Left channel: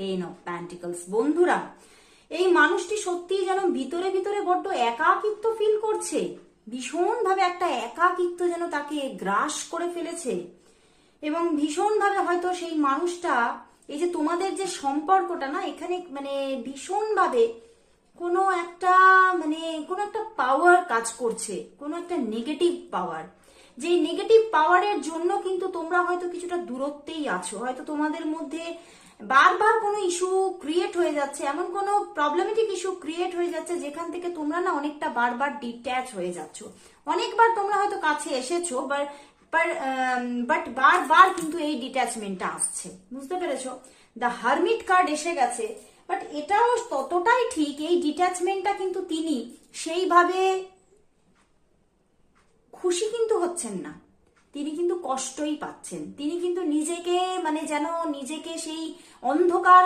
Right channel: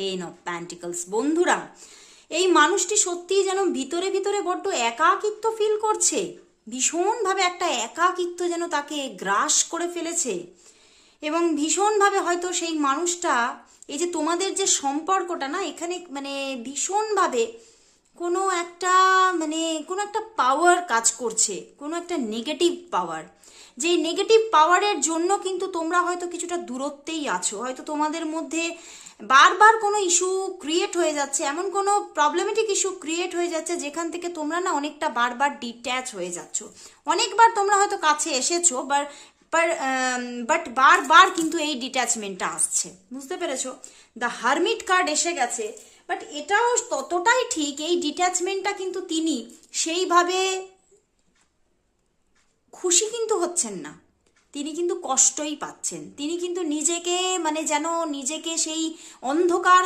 Ten of pentacles. বন্ধুরা, এই মানুষটি সত্যিই যেন ভিতরে ভিতরে বড্ড একাকিত্ব ফিল করছে, ভীষণভাবে একটা একাকিত্ব যেন তাকে গ্রাস করে ফেলেছে, এবং ভীষণভাবে হয়তো সেই মানুষটা, এই যে তোমাদের যে সম্পর্কটা না, এখানে মানে ভীষণভাবে কোনো একটা কোনো একটা পাওয়ার কাজ করছে, কোনো একটা নেগেটিভ পাওয়ার। যেই নেগেটিভ পাওয়ারের জন্য কিন্তু তোমরা হয়তো কিছুটা দূরত্বেই আছো, হয়তো তোমাদের মধ্যে বারবার কোনো ইস্যু ক্রিয়েট হয়ে যাচ্ছে, এমন কোনো প্রবলেমেটিক ইস্যু ক্রিয়েট হয়ে যাচ্ছে যেখান থেকে তোমরা না অনেকটা বারবার ডিট্যাচ হয়ে যাচ্ছ। অনেকবার তোমরা হয়তো কাছে এসেছো, বাট বারবার কিন্তু এই ডিট্যাচমেন্টটা আসছে, বুঝতে পেরেছো? দ্য হারমিট কার্ড এসে গেছে, বাট এটাও ততটাই ঠিক, এই ডিট্যাচমেন্টটা কিন্তু তিনি সেইভাবে খুশি কিন্তু হচ্ছেন না, তিনি কিন্তু কষ্টই পাচ্ছেন। তিনি কিন্তু নিজেকে যেন নিজেকে সেই অন্ধকার